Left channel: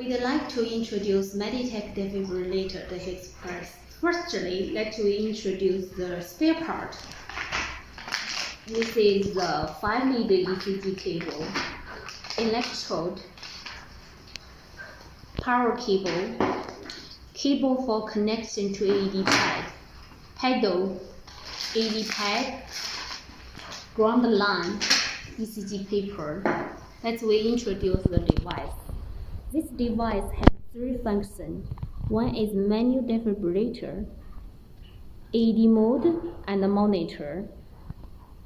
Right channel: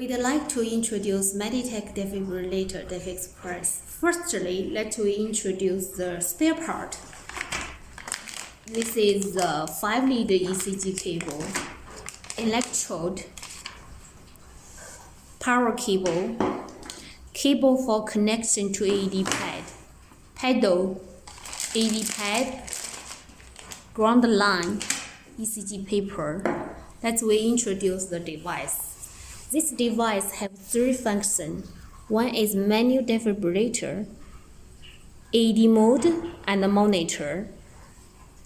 We'd like to introduce Meditech defibrillator Defi Xpress. Firstly, let's introduce the spare part. This is the 5-lead ECG cable, electrode, power cable, cable for connection to AED pad, paddle, AED pad, ground line, ECG paper. Let's introduce the device. This device has 3 functions. One is manual defibrillator, AED mode, and the monitor.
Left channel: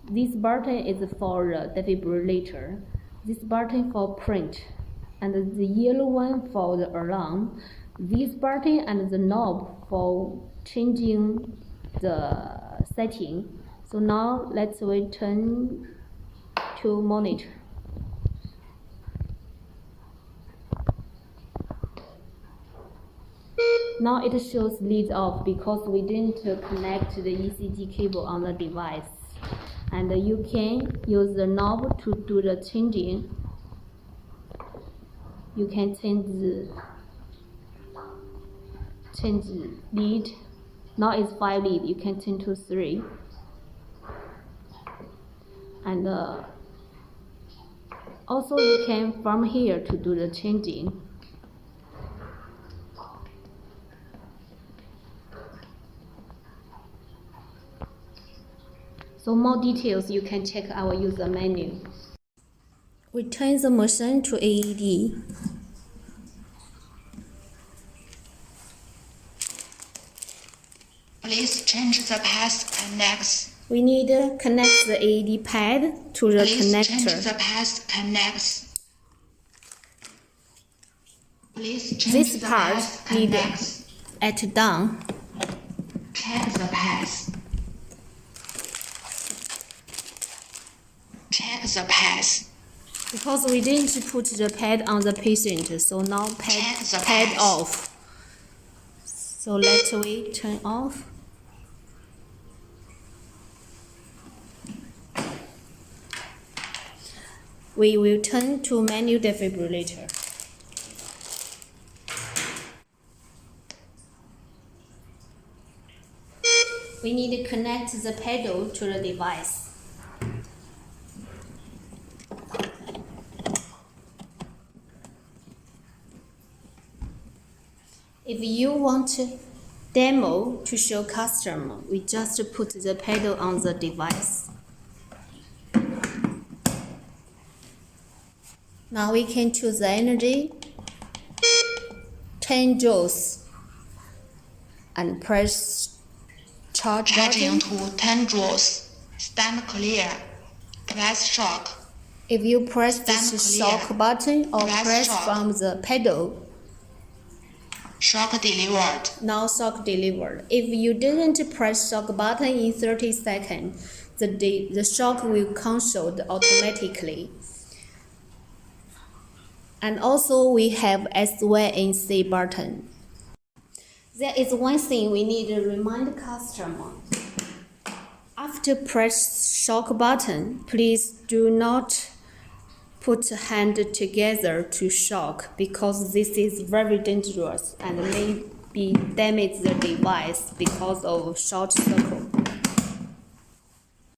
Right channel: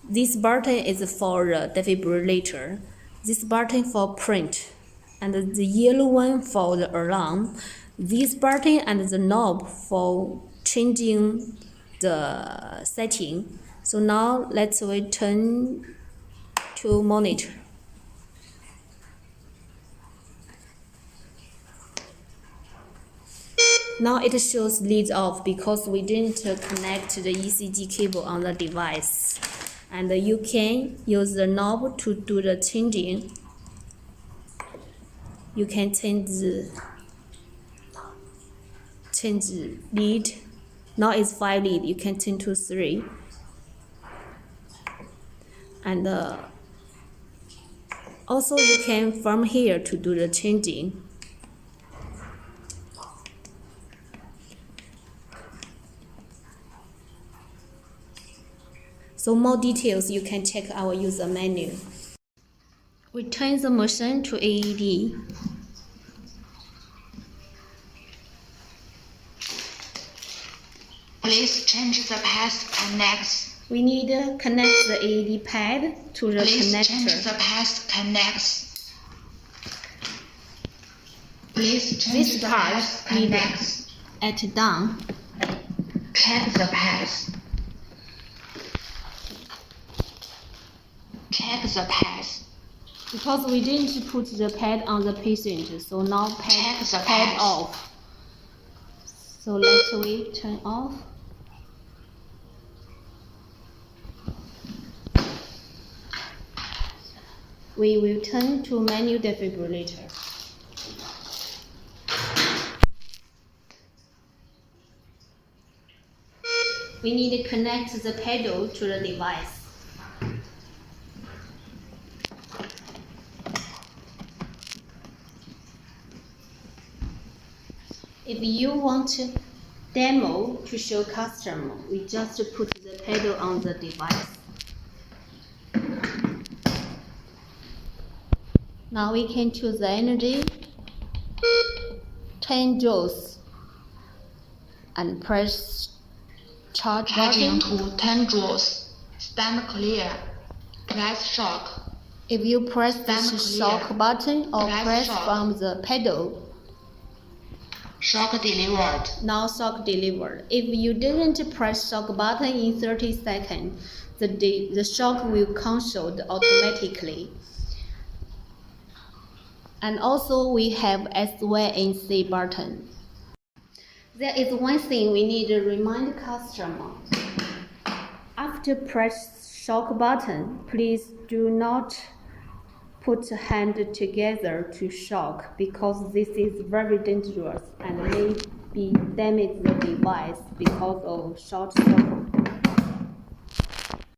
This button is for the defibrillator. This button for print, and the yellow one for the alarm. This button and the knob for changing the setting. So now let's turn to monitor. Now it shows leads off because we didn't connect the ECG cable on the device. And you can use the knob to do the changing. You can change lead. Now it's 5 lead. You can change to 3. And also you can from here to do the changing. So more details, you can check our user menu. We turn the machine to AED. Please change the path connects. We need to connect the AED pad to the Please connector. change the path connects. Please change This the part path needed connects. at down. Check the path. Check the path. Because we didn't put the pad on the patient, so now Check the pad path. off. So let's turn off. We will turn to manual defibrillator. We need to connect the paddle to the device. If you want a demo to show customer, we just put the paddle on the device. Now we can choose the energy, 10 joules, and press charge Charging button. to 10 joules. Stand clear. Press shock. If you press Stand this clear. shock button or Press press shock. from the pedal, Shock delivered. now shock delivered. If you didn't press shock button in 30 seconds, the shock will cancel automatically. And also we have S1 and C button. There is one thing we need to remind customer. After press shock button, please do not put hand together to shock because this is very dangerous and may damage the device because of short circuit.